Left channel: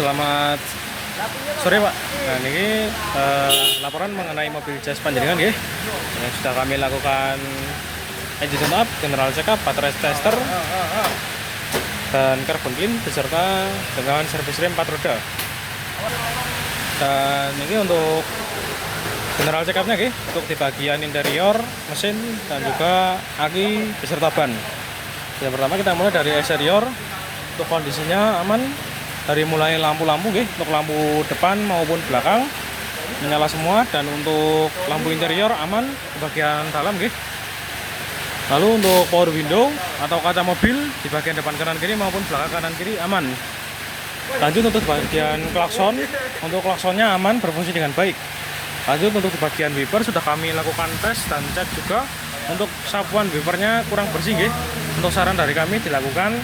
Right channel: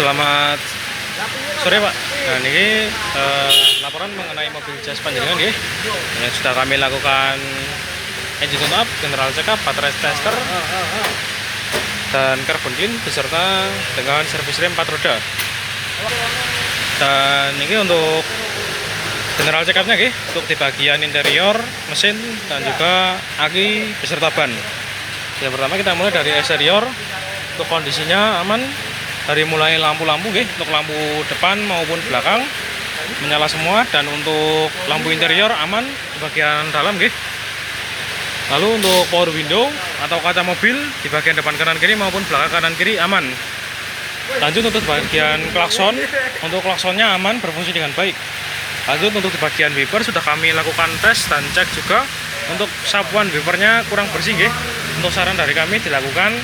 Selamat sore Pak. Nah ini laporan mengenai mobil Jazz panjenengan nggih yang sudah kami lakukan engine tune up, general check up, baterai tester dan carbon clean beserta dengan servis rem 4 roda. Dan ini untuk general check upnya nggih, untuk di bagian interior, mesin dan juga aki beserta ban. Yang pertama kita mulai dari eksterior. Untuk kondisinya aman, dari mulai lampu-lampu nggih, untuk lampu depan maupun belakang menyala semua, dan untuk lampu interior aman di bagian dalam nggih. Lalu untuk power window atau kaca mobil di bagian depan kanan kiri maupun belakang kanan kiri aman. Lanjut untuk bagian klakson, untuk klaksonnya aman, berfungsi dengan baik. Lanjut untuk di bagian wiper sudah kami lakukan tes dan cek juga. Untuk sapuan wipernya kurang bersih nggih. Untuk saran dari kami dilakukan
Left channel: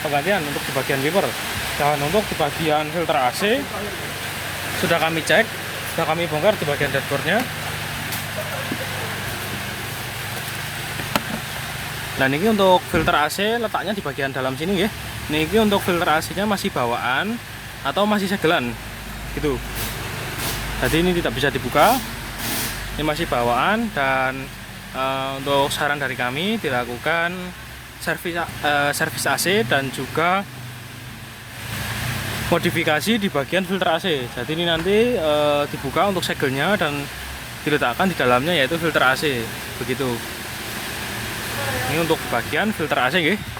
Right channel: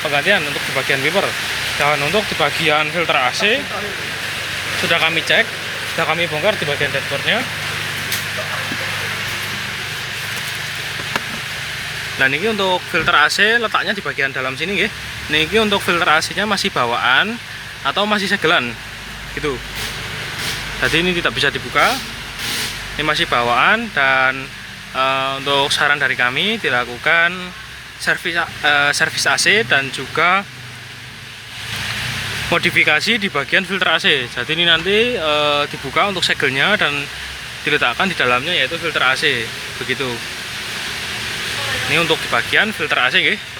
penggantian untuk di bagian wiper. Dan untuk di bagian filter AC sudah kami cek, sudah kami bongkar di bagian dashboardnya. Dan ini untuk filter AC letaknya di bagian dalam sini nggih. Ini untuk filter AC-nya masih bawaan atau masih segelan gitu. Jadi ini tidak bisa dibuka. Ini masih bawaan, dan untuk saran dari kami dilakukan servis AC dan juga modifikasi di bagian filter AC. Jadi ini nanti dibuka untuk segelnya dan diletakkan di dalamnya, yaitu filter AC begitu. Ini untuk di bagian filter AC nggih.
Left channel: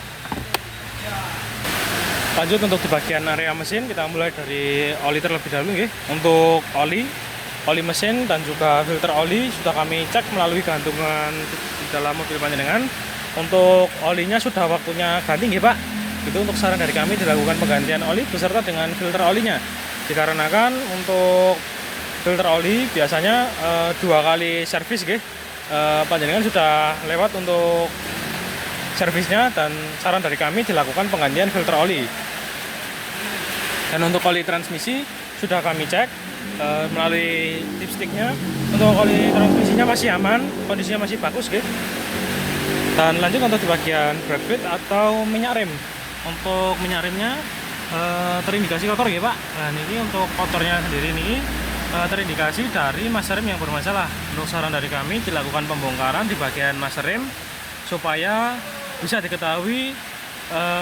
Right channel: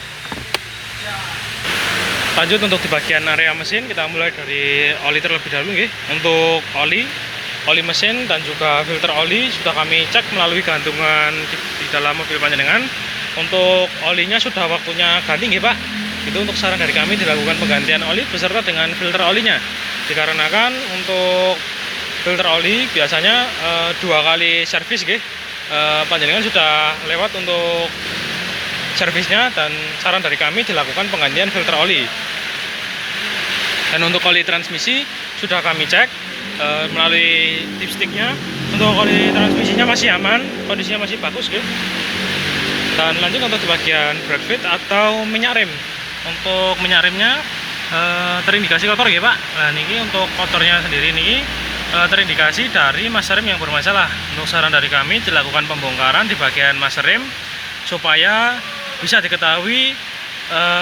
Lanjut untuk di bagian area mesin, kita mulai dari oli terlebih dahulu nggih. Untuk oli mesin dan juga filter oli sudah kami cek melalui gantungan di dalam mobil panjenengan. Untuk olinya sudah waktunya ganti nggih Pak. Itu untuk saran dari kami dilakukan penggantian oli beserta dengan filter olinya. Dikarenakan untuk filter oli biasanya 2 kali servis nggih. Panjenengan sudah lewat untuk servisnya, dan saran dari kami dilakukan penggantian filter oli. Dan untuk oli transmisi sudah kami cek melalui dipsticknya. Untuk oli transmisinya masih aman, kondisinya masih bagus nggih. Dan lanjut untuk di bagian brake fluid atau minyak rem. Untuk minyak remnya terindikasi kotor nggih Pak. Nah ini untuk kotornya sendiri ini terindikasi dari master rem yang bermasalah. Untuk saran dari kami dilakukan pembongkaran di bagian master rem supaya bisa diketahui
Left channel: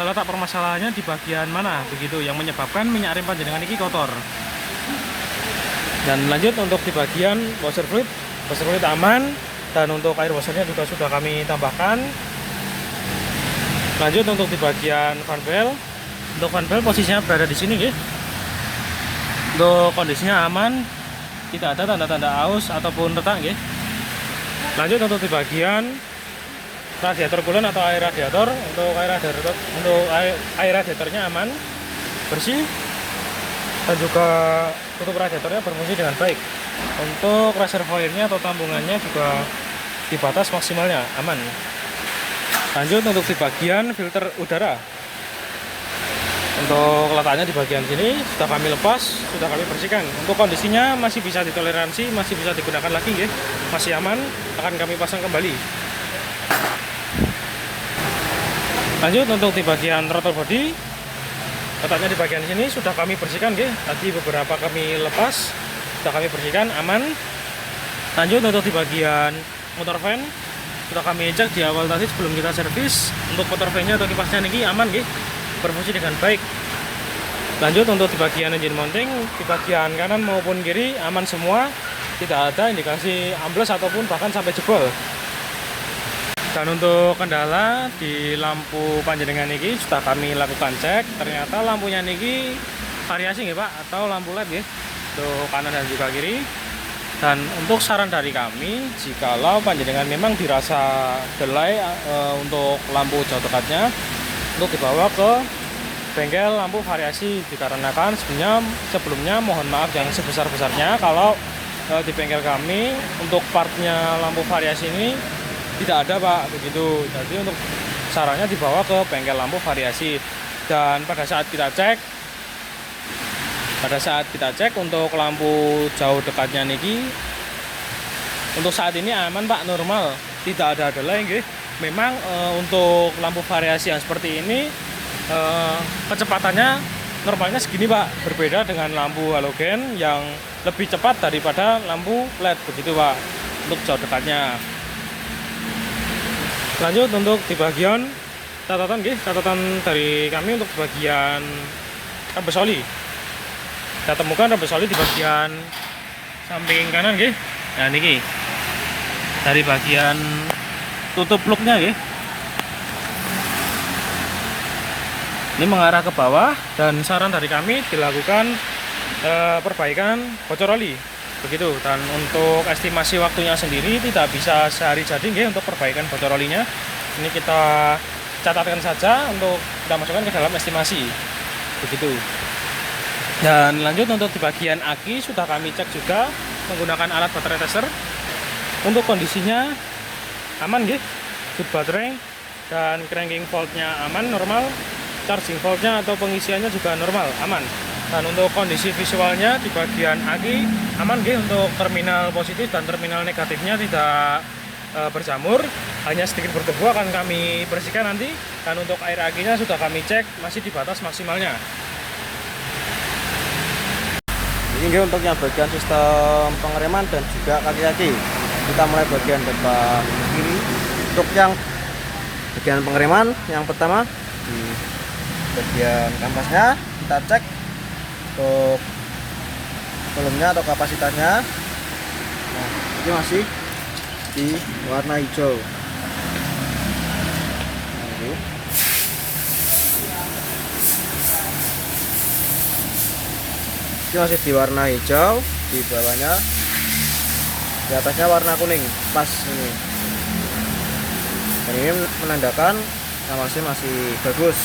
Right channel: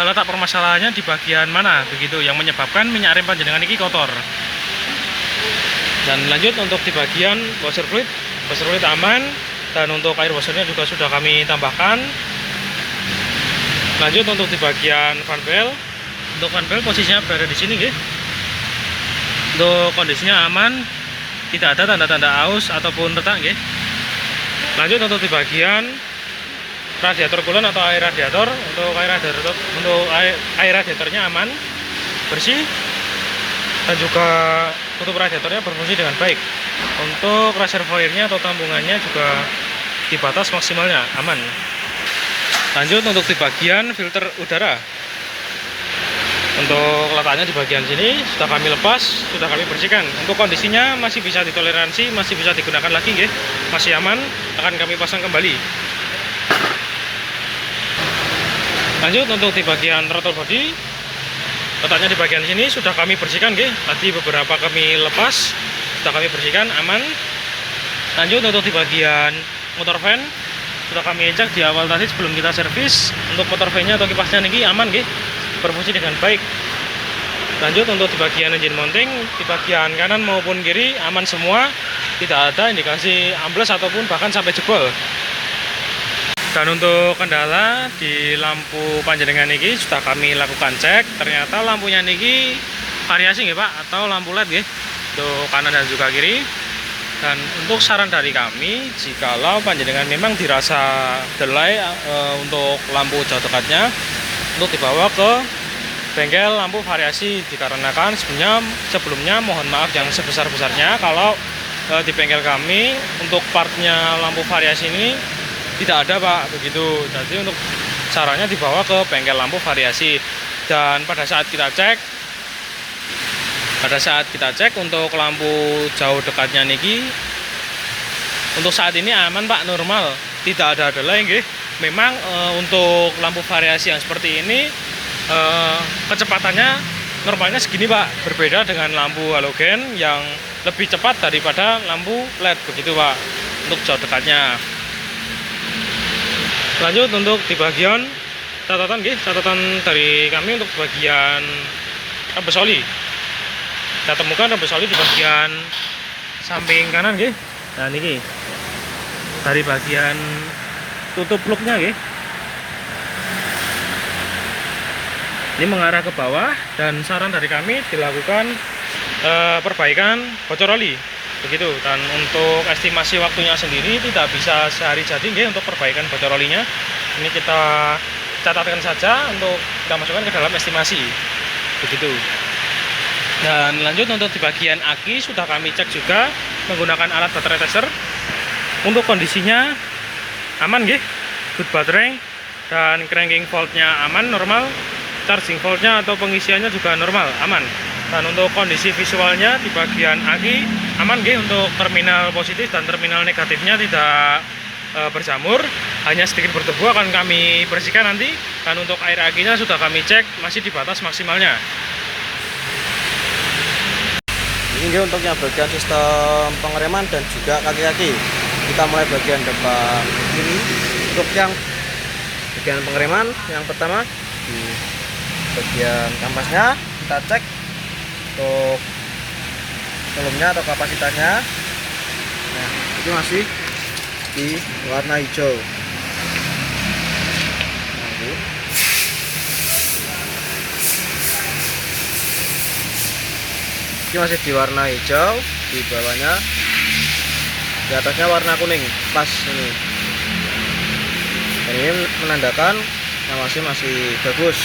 letak permasalahannya di bagian mana begitu yang menyebabkan minyak rem panjenengan ini kotor. Dan lanjut untuk di bagian washer fluid aman, dan untuk air washernya juga sudah kami tambahkan. Lanjut untuk di bagian fan belt. Untuk fan belt posisinya berada di sini nggih. Untuk kondisinya aman, tidak ada tanda-tanda aus ataupun retak nggih. Lanjut untuk di bagian radiator coolant atau air radiator. Untuk air radiatornya aman, bersih, dan juga tutup radiatornya berfungsi dengan baik. Untuk reservoirnya atau tambungannya juga di batas maksimalnya, aman. Lanjut untuk di bagian filter udara. Untuk letaknya di bagian sini sudah kami lepas, sudah kami bersihkan. Untuk kondisinya masih bisa ditoleransi, masih bisa digunakan lagi nggih. Masih aman, akan kami pasang kembali. Lanjut untuk di bagian throttle body, letaknya di bagian sini sudah kami bersihkan nggih. Tadi beberapa kami lepas, sudah kami bersihkan, aman. Lanjut untuk di bagian motor fan sudah kami cek di awal tadi sebelum kita servis. Untuk motor fan-nya atau kipasnya ini aman nggih, berfungsi dengan baik. Lanjut untuk di bagian engine mounting, di bagian kanan maupun kiri aman semua, tidak ada indikasi ambles ataupun bahkan sampai jebol. Dan untuk kendala di lampu panjenengan ini sudah kami lakukan cek. Ternyata lampunya ini variasi nggih Pak, atau lampu LED nggih, untuk kanan dan juga kiri. Dan untuk saran dari kami, jikalau panjenengan memang dirasa delay untuk lampu jauh dekatnya, untuk dibawa ke bengkel lampu variasi. Dikarenakan sebelumnya mohon maaf yang sebesar-besarnya kalau di bengkel kami untuk partnya lampu variasi ini tidak ada Pak, begitu. Jadi untuk sarannya dibawa ke bengkel lampu variasi. Dan pada saat kita cek untuk lampu jauh dekatnya niki, untuk saat ini aman Pak, normal, tidak ada delay nggih. Memang untuk lampu variasi yang seperti ini kecepatannya normalnya segini Pak, berbeda dengan lampu halogen yang lebih cepat daripada lampu LED begitu Pak, untuk jauh dekatnya. Lanjut untuk di bagian catatan dari kami untuk bagian rebus oli. Kita temukan rebus oli di bagian samping kanan nggih. Nah niki dari bagian tutup plugnya nggih. Ini mengarah ke bawah dan saran dari kami dilakukan perbaikan bocor oli begitu. Dan untuk estimasi waktunya sendiri tidak bisa sehari jadi nggih untuk perbaikan bocor olinya. Ini kita catatkan saja untuk kita masukkan ke dalam estimasi begitu. Dan lanjut untuk di bagian aki sudah kami cek juga menggunakan alat baterai tester. Untuk kondisinya aman nggih, good baterai, dan cranking voltnya aman normal, charging voltnya atau pengisiannya juga normal aman. Dan untuk kondisi visualnya di bagian aki aman nggih, untuk terminal positif dan terminal negatifnya tidak berjamur, hanya sedikit berdebu akan kami bersihkan nanti. Dan untuk air akinya sudah kami cek masih di batas maksimalnya. Ini untuk yang bagian sistem pengereman dan juga kaki-kaki. Kita mulai bagian depan kiri. Untuk yang bagian pengereman, yang pertama di bagian kampasnya kita cek untuk volumenya atau kapasitasnya. Nah, ini masih di warna hijau. Nah, ini masih di warna hijau, di bawahnya, di atasnya warna kuning, pas ini. Dan ini menandakan yang masih bagus.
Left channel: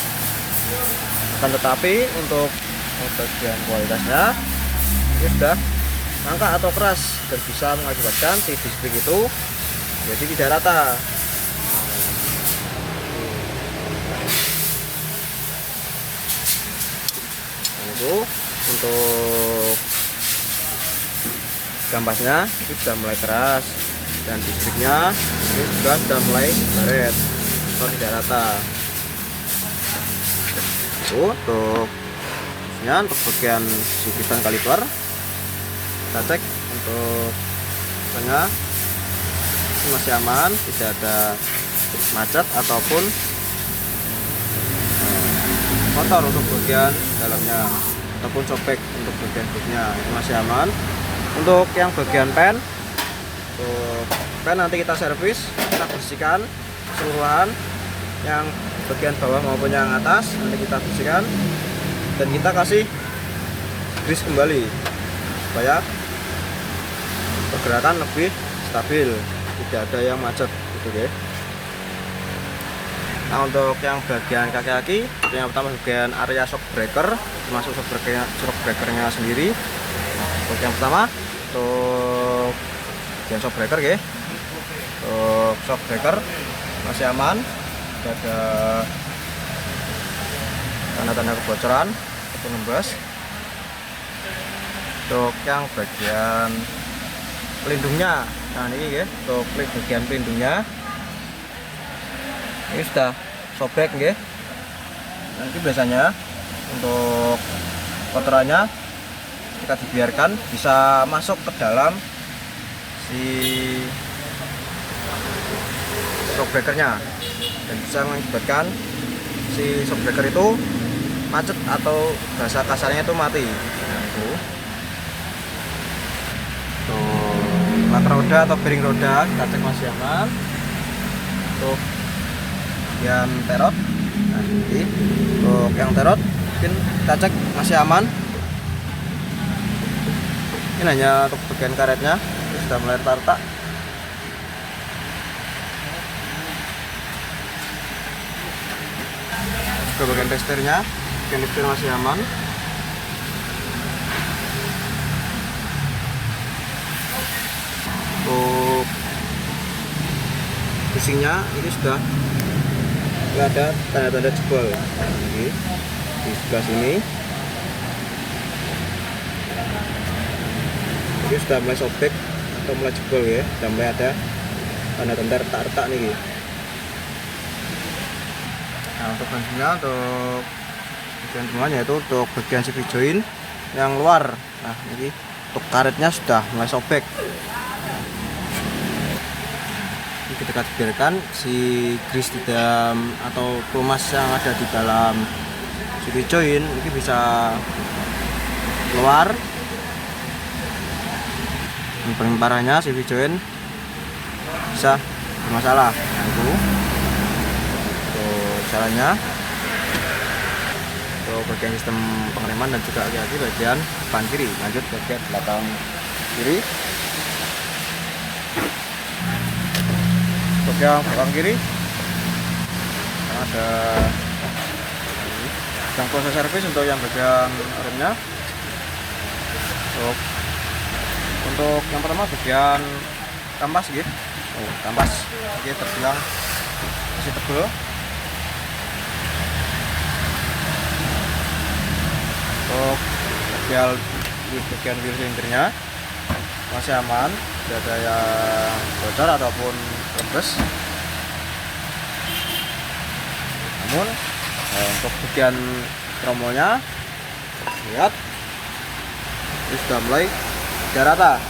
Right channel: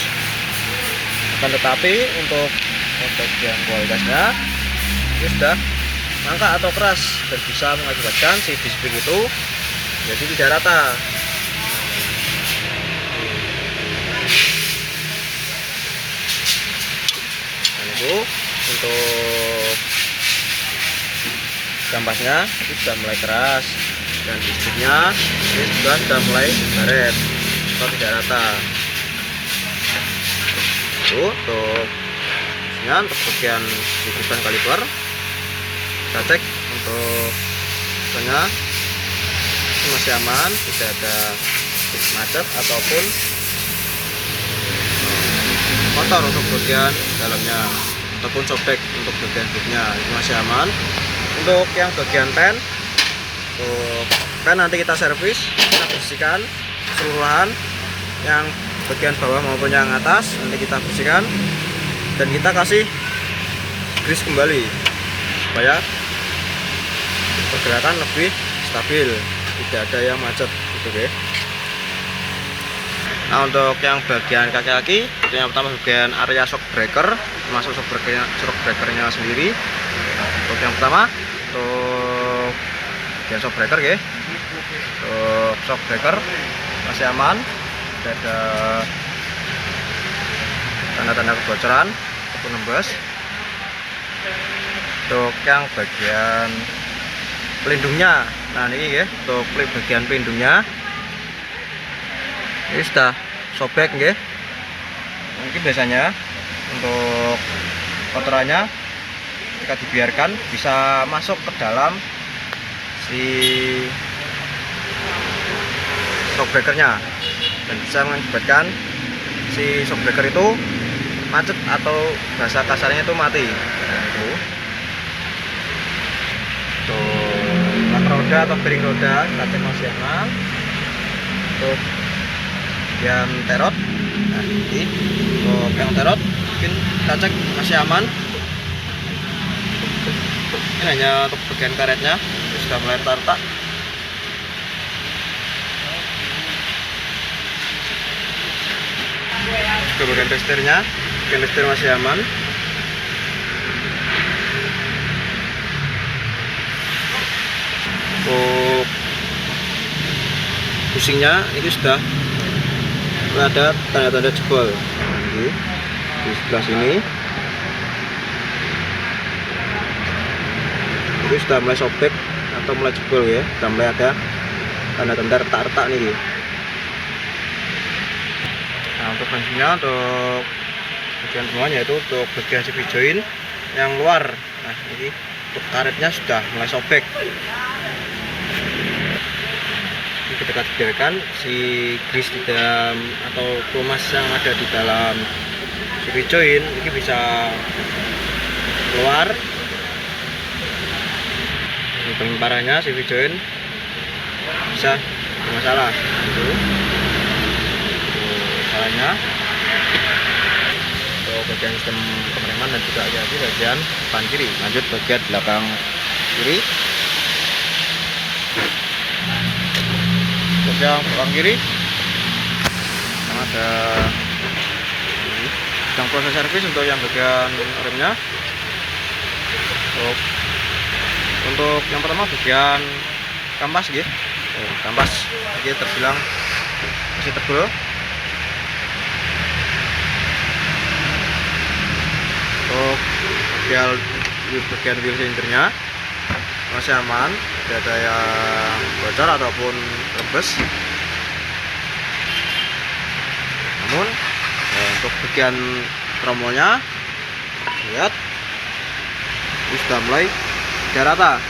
Akan tetapi untuk bagian kualitasnya ini sudah mangkrak atau keras dan bisa mengakibatkan si display itu jadi tidak rata. Dan itu untuk kampasnya itu sudah mulai keras dan displaynya ini sudah mulai baret atau tidak rata. Untuk bagian sikutan kaliper kita cek untuk tengah ini masih aman, tidak ada macet ataupun kotor untuk bagian dalamnya ataupun sobek untuk bagian booknya, ini masih aman. Untuk yang bagian pen, untuk pen nanti kita servis, kita bersihkan keseluruhan, yang bagian bawah maupun yang atas nanti kita bersihkan dan kita kasih grease kembali supaya pergerakan lebih stabil, tidak ada yang macet gitu guys. Nah untuk yang bagian kaki-kaki, yang pertama bagian area shock breaker, termasuk shock breakernya sendiri. Nah, untuk yang pertama untuk bagian shock breaker guys, untuk shock breaker masih aman, tidak ada tanda-tanda kebocoran ataupun nembus. Untuk yang bagian pelindungnya, nah ini ya, untuk bagian pelindungnya ini sudah sobek ya. Nanti biasanya untuk kotorannya jika dibiarkan bisa masuk ke dalam si shockbreakernya dan bisa mengakibatkan si shockbreaker itu macet atau bahasa kasarnya itu mati. Nah itu untuk lak roda atau bearing roda kita cek masih aman. Untuk yang terot, nah ini untuk yang terot mungkin kita cek masih aman. Ini hanya untuk bagian karetnya sudah mulai retak. Ke bagian testernya, bagian tester masih aman. Untuk pusingnya ini sudah ada tanda-tanda jebol. Nah, ini di sebelah sini ini sudah mulai sobek atau mulai jebol ya, sudah mulai ada tanda-tanda retak-retak nih. Nah untuk bensinnya, untuk bagian semuanya, itu untuk bagian CV join yang luar. Nah ini untuk karetnya sudah mulai sobek. Ini ketika dibiarkan si grease di dalam atau pelumas yang ada di dalam CV join ini bisa keluar. Yang paling parahnya CV join bisa bermasalah. Itu salahnya untuk bagian sistem pengereman dan juga di bagian depan kiri. Lanjut bagian belakang kiri. Untuk yang belakang kiri karena ada sedang proses servis untuk yang bagian remnya. Untuk yang pertama bagian kampas gitu. Kampas ini terbilang masih tebal. Untuk bagian wheel silindernya masih aman, tidak ada yang bocor ataupun rebes. Namun untuk bagian tromolnya lihat ini sudah mulai tidak rata.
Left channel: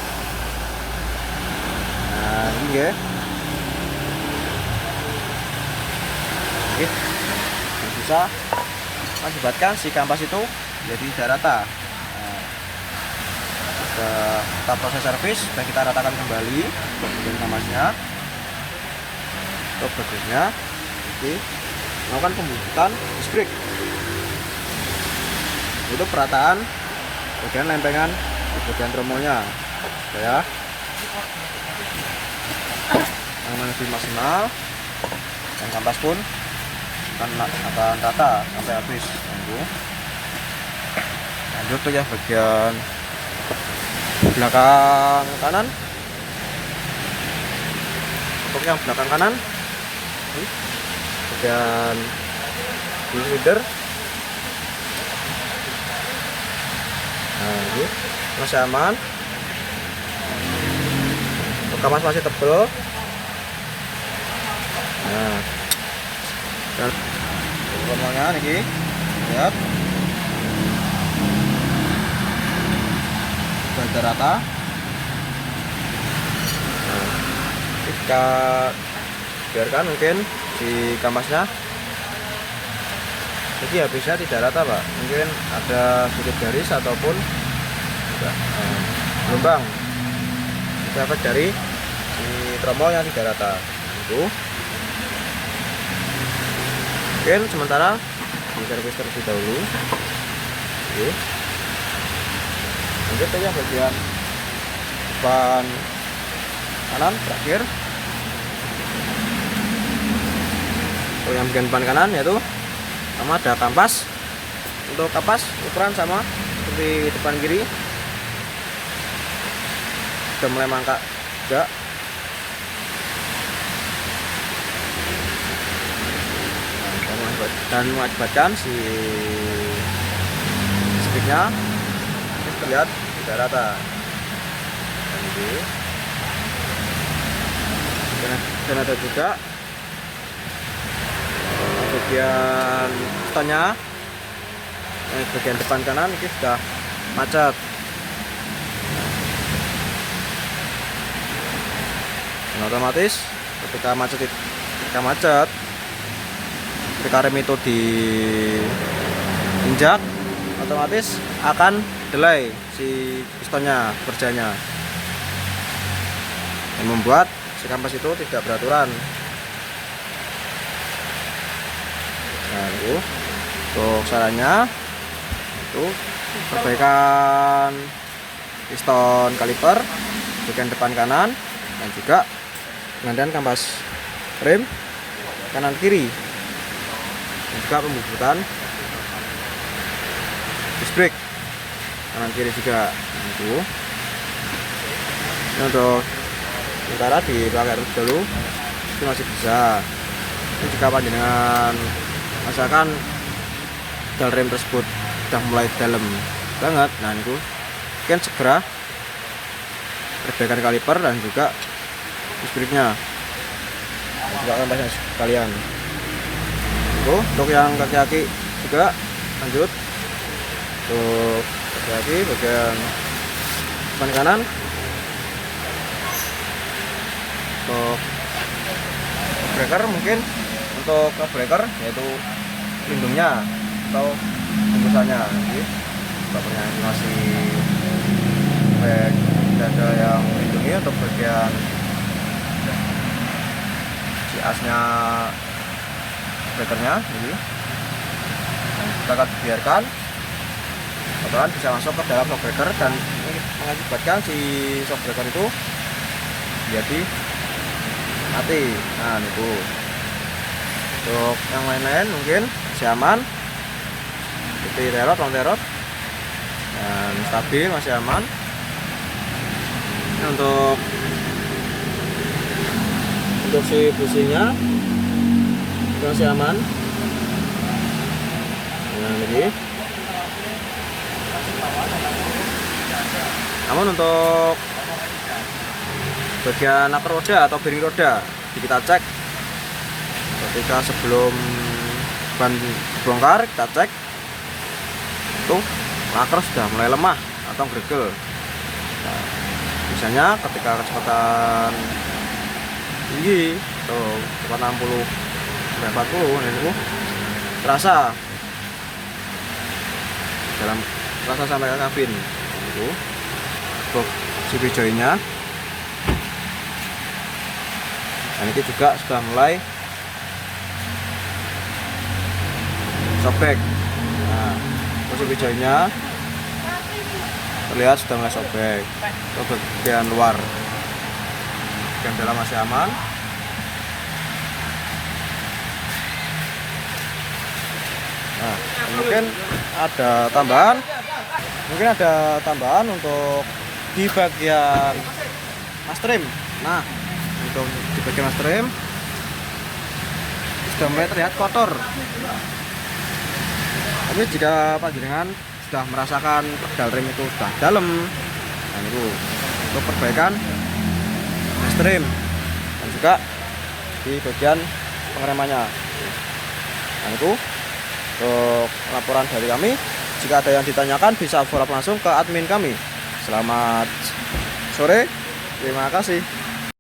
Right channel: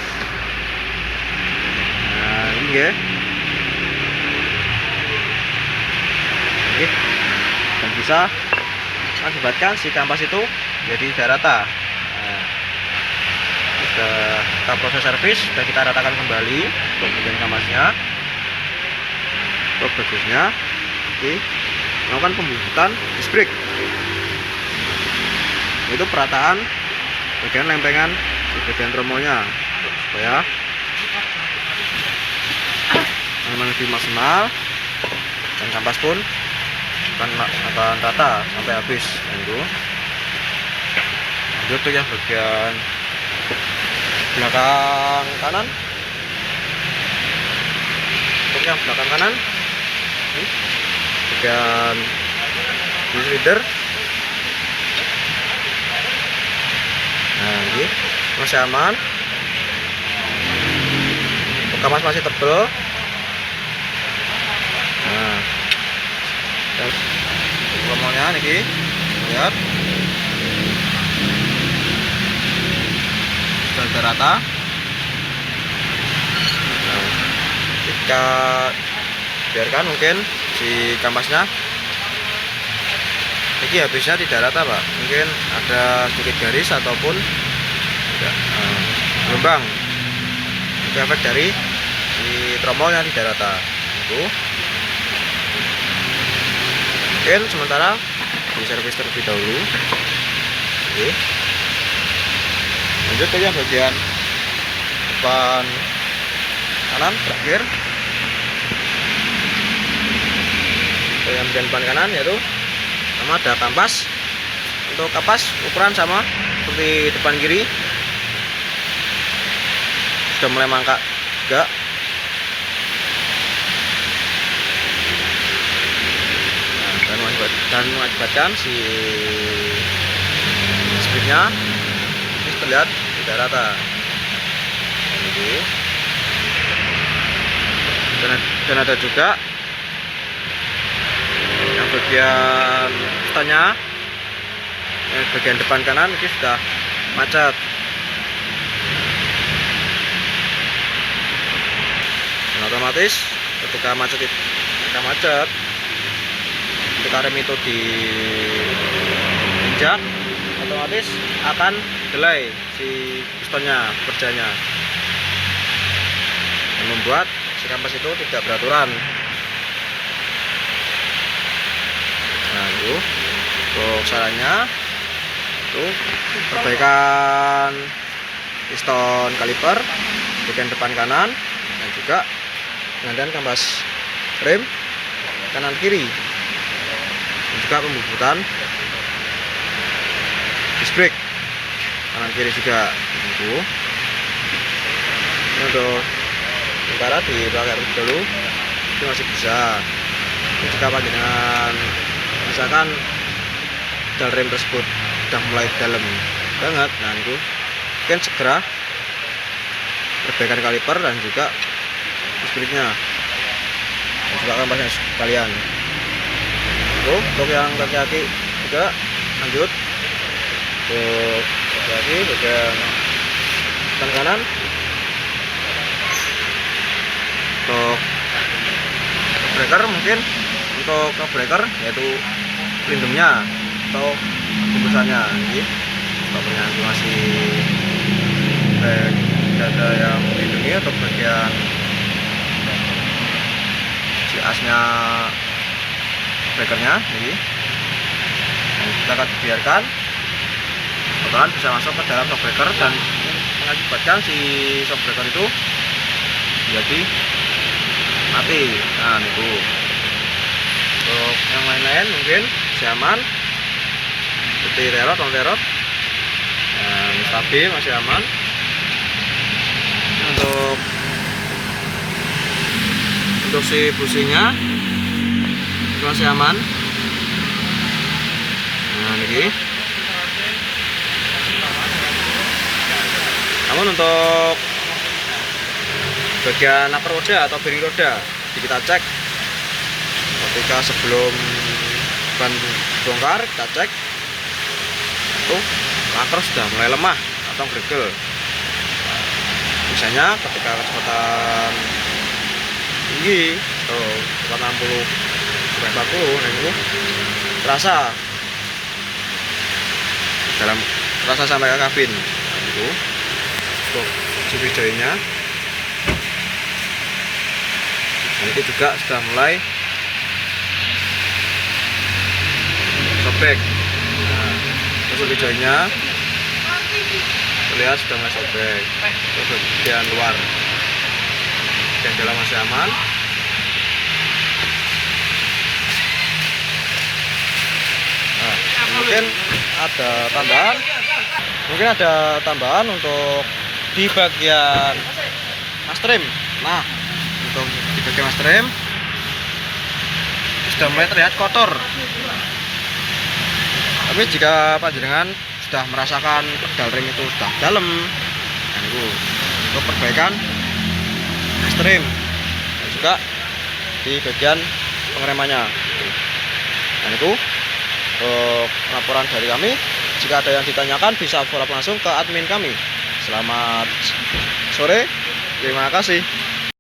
Nah ini ya, oke, dan bisa mengakibatkan si kampas itu jadi tidak rata. Nah, sudah kita proses servis, sudah kita ratakan kembali untuk bagian kampasnya. Untuk berikutnya, oke, melakukan pembusukan disc brake. Itu perataan bagian lempengan di bagian tromolnya supaya lebih maksimal dan kampas pun akan rata sampai habis. Lanjut tuh ya bagian belakang kanan. Untuk yang belakang kanan ini bagian silinder. Nah ini masih aman, untuk kampas masih tebal. Nah dan tromolnya nih lihat sudah rata. Nah, kita biarkan mungkin si kampasnya ini habisnya tidak rata pak, mungkin ada sedikit garis ataupun gelombang. Itu efek dari si tromol yang tidak rata. Itu mungkin sementara di servis terlebih dahulu. Oke. Lanjut ke yang bagian depan kanan terakhir. Yang bagian depan kanan yaitu sama ada kampas. Untuk kampas ukuran sama seperti depan kiri, sudah mulai mangkak juga. Dan mengakibatkan si spriknya ini terlihat tidak rata. Dan ada juga yang bagian tanya, yang bagian depan kanan ini sudah macet. Dan otomatis ketika macet ketika rem itu diinjak, otomatis akan delay si pistonnya kerjanya, yang membuat si kampas itu tidak beraturan. Nah itu untuk sarannya itu perbaikan piston kaliper bagian depan kanan dan juga penggantian kampas rem kanan kiri, dan juga pembusukan disc brake kanan kiri juga. Itu ini untuk sementara di belakang dulu itu masih bisa. Ini jika panjenengan misalkan dal rem tersebut sudah mulai dalam banget, nah itu mungkin segera perbaikan kaliper dan juga disc brake-nya dan juga kampasnya sekalian. Untuk yang kaki juga lanjut untuk kaki bagian depan kanan. Untuk breaker mungkin untuk breaker yaitu pelindungnya atau bungkusannya ini bapaknya masih back dada yang melindungi untuk bagian si asnya breakernya ini kita akan biarkan kotoran bisa masuk ke dalam shock breaker dan mengakibatkan si shock breaker itu jadi mati. Nah itu untuk yang lain-lain mungkin masih aman seperti terot, non terot dan stabil masih aman. Untuk si businya itu masih aman. Nah ini. Namun untuk bagian laker roda atau bearing roda kita cek ketika sebelum ban bongkar, kita cek itu laker sudah mulai lemah atau gregel. Nah, biasanya ketika kecepatan tinggi atau kecepatan 60 sampai 40 ini terasa sampai ke kabin. Nah, itu untuk sudut joinnya. Dan itu juga sudah mulai sobek. Nah, sudut joinnya terlihat sudah mulai sobek. Itu bagian luar, bagian dalam masih aman. Nah, mungkin ada tambahan untuk di bagian master rem. Nah, untuk di bagian master rem sudah mulai terlihat kotor. Tapi jika panjenengan sudah merasakan pedal rem itu sudah dalam, dan itu untuk perbaikan master rem dan juga di bagian pengeremannya. Dan itu untuk laporan dari kami. Jika ada yang ditanyakan bisa follow up langsung ke admin kami. Selamat sore, terima kasih.